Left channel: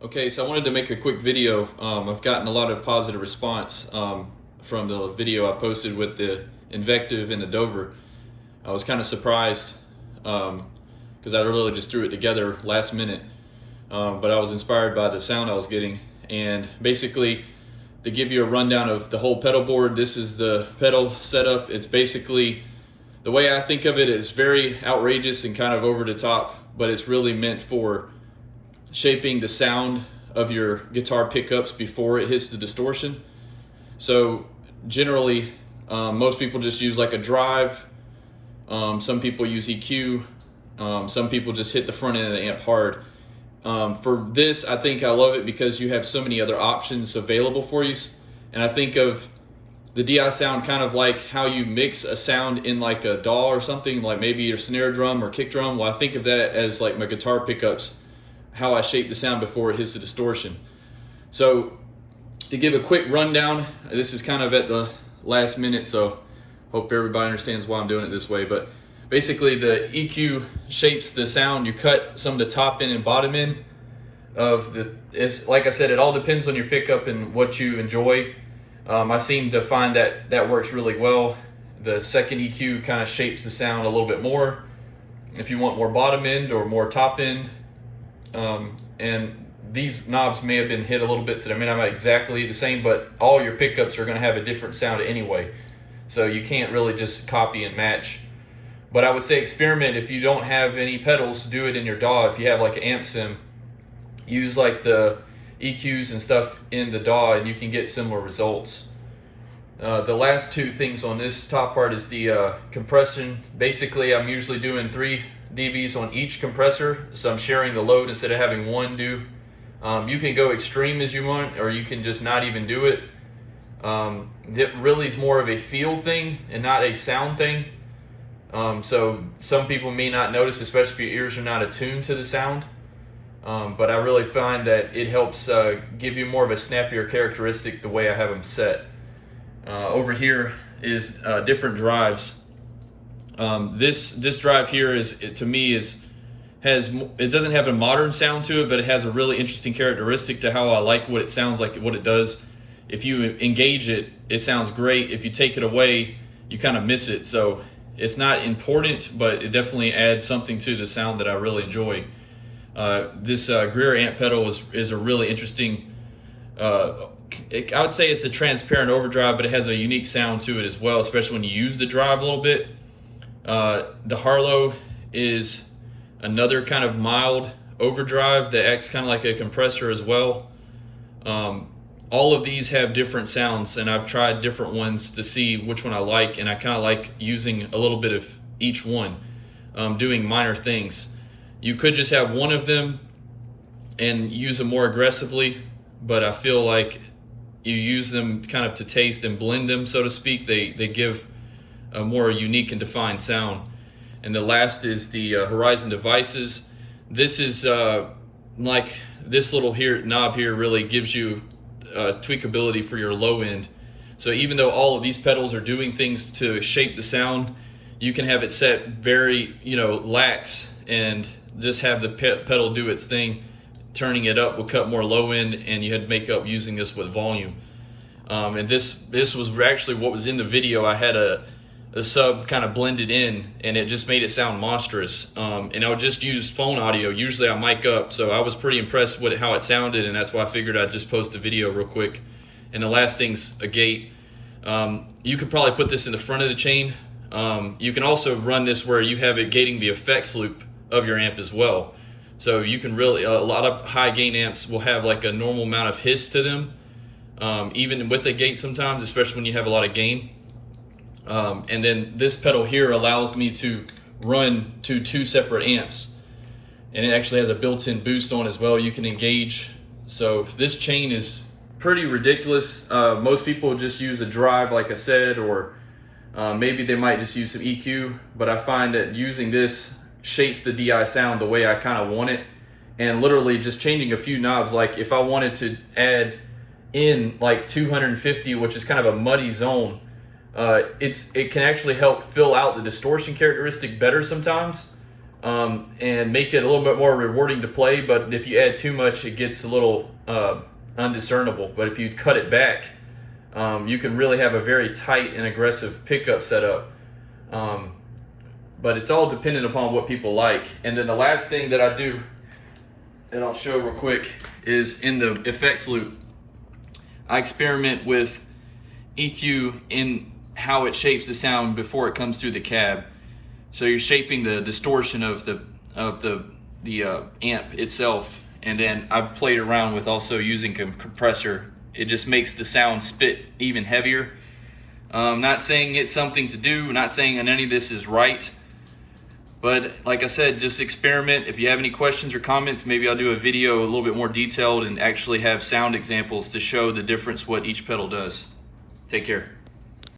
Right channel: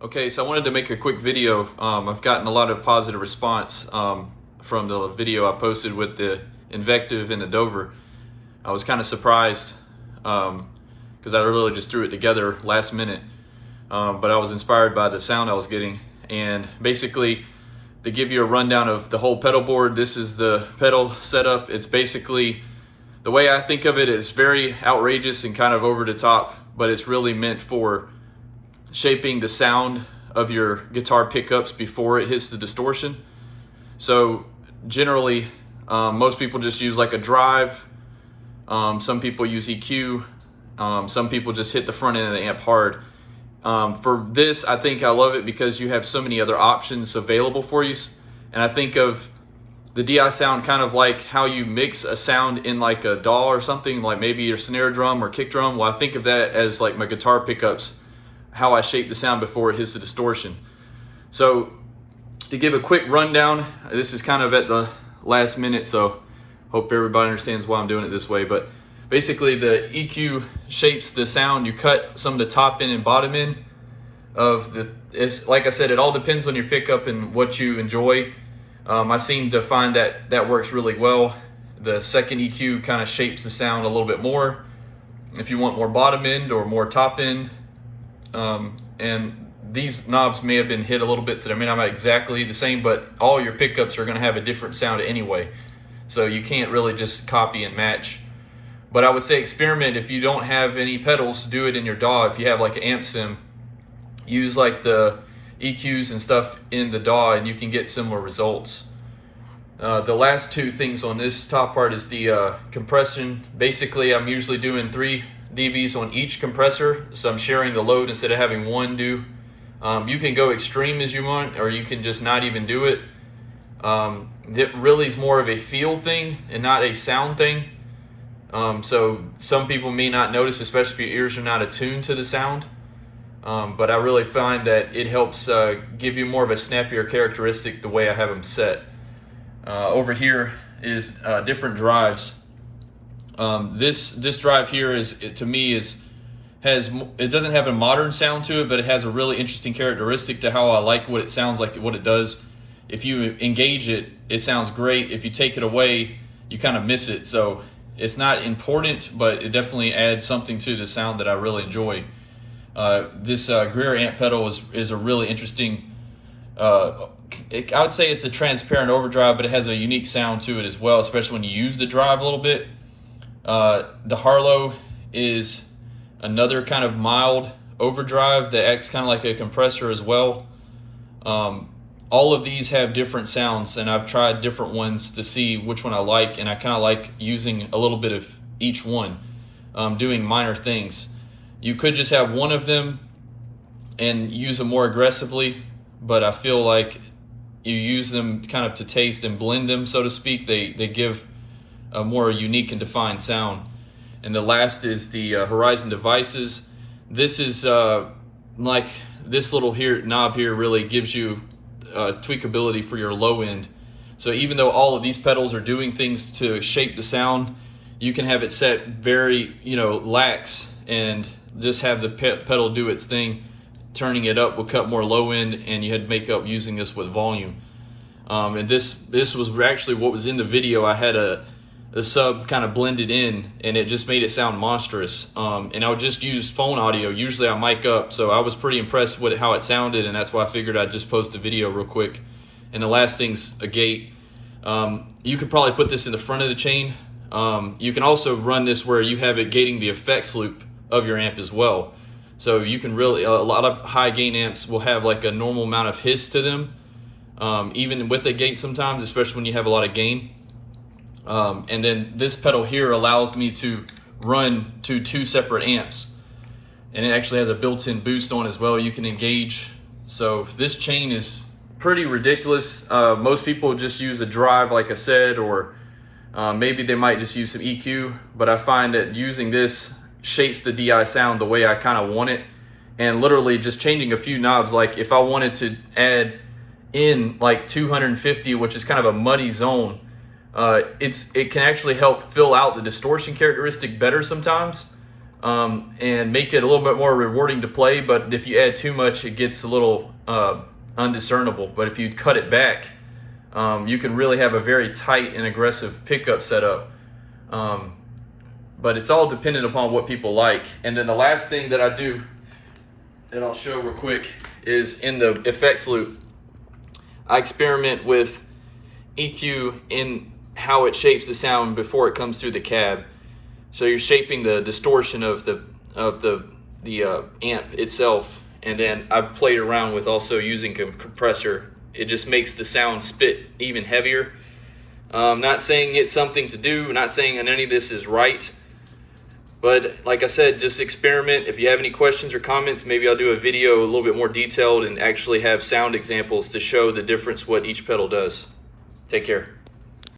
Okay, so I wanted to make a quick video. I've gotten a lot of positive response from the video I posted with the Invective and the Dover. I was kind of surprised because I really just threw it together last minute, but I was inspired by the sound I was getting. And basically, to give you a rundown of the whole pedal board, this is the pedal setup. It's basically, the way I think of it, is very outrageous and kind of over the top, but it's really meant for shaping the sound of your guitar pickups before it hits the distortion. So generally, most people just use like a drive. Some people use EQ. Some people just hit the front end of the amp hard. For this, I think I love it because you have so many other options available for you. And I think of the DI sound kind of like how you mix a sound in like a DAW or something, like maybe your snare drum or kick drum. Well, I think of that as like my guitar pickups, how I shape the sound before it hits the distortion. So to give a quick rundown, this is kind of at the last minute, so hope everybody understands why I'm doing it this way. But basically the EQ shapes the sound. You cut some of the top end and bottom end of it's like I said, it all depends on your pickup and what you enjoy. I seem to find that that works really well. The second EQ kind of shapes the sound a little bit more if you want more bottom end or more top end. And these knobs may have been hit a little bit, so they may not be exactly the same, but all your pickups are going to have a different sound anyway, so you can't really just copy and match. But I would say experiment. If you don't have any pedals, do it in your DAW. If you have like an amp sim, use like the EQs and stuff in the DAW and you can get similar results. The last two things on this top part is the compression. Basically, I'm usually doing 3 dBs on each compressor, so I'm sharing the load instead of having one do. You can go extreme as you want, or you can just not even do it. It really is more of a feel thing and not a sound thing. So some people may not notice, especially if your ears are not attuned to the sound. But I really find that it helps give you more of a snappier characteristic the way I have them set. Over here is different drives. This drive here to me it doesn't have a modern sound to it, but it has a really interesting characteristic to how I like what it sounds like, what it does. If you engage it, it sounds great. If you take it away, you kind of miss it. So it's not important, but it definitely adds something to the sound that I really enjoy. This Greer amp pedal is a really interesting, I would say it's a transparent overdrive, but it has a unique sound to it as well, especially when you use the drive a little bit. The Harlow is another kind of mild overdrive that acts kind of like a compressor as well. All of these have different sounds, and I've tried different ones to see which one I like, and I kind of like using a little bit of each one, doing minor things. You could just have one of them and use them more aggressively, but I feel like you use them kind of to taste and blend them, so to speak. They give a more unique and defined sound. And the last is the Horizon Devices. This is like this little knob here really gives you tweakability for your low end. So even though all of these pedals are doing things to shape the sound, you can have it set very, lax and just have the pedal do its thing. Turning it up will cut more low end, and you had to make up using this with volume. And this was actually what was in the video. I had a sub kind of blended in, and it just made it sound monstrous. And I would just use phone audio. Usually I mic up, so I was pretty impressed with how it sounded, and that's why I figured I'd just post a video real quick. And the last thing's a gate. You could probably put this in the front of the chain. You can also run this where you have it gating the effects loop of your amp as well. So you can really, a lot of high gain amps will have like a normal amount of hiss to them, even with a gate sometimes, especially when you have a lot of gain. And then this pedal here allows me to run to 2 separate amps, and it actually has a built-in boost on as well. You can engage. So this chain is pretty ridiculous. Most people just use a drive, like I said, or maybe they might just use some EQ, but I find that using this shapes the DI sound the way I kind of want it. And literally just changing a few knobs, like if I wanted to add in like 250, which is kind of a muddy zone, it can actually help fill out the distortion characteristic better sometimes. and make it a little bit more rewarding to play. But if you add too much, it gets a little undiscernible. But if you cut it back, you can really have a very tight and aggressive pickup setup. But it's all dependent upon what people like. And then the last thing that I do, that I'll show real quick, is in the effects loop, I experiment with EQ in how it shapes the sound before it comes through the cab. So you're shaping the distortion of the amp itself, and then I've played around with also using a compressor. It just makes the sound spit even heavier. Not saying it's something to do, not saying that any of this is right, but like I said, just experiment. If you have any questions or comments, maybe I'll do a video a little bit more detailed and actually have sound examples to show the difference what each pedal does. Take care.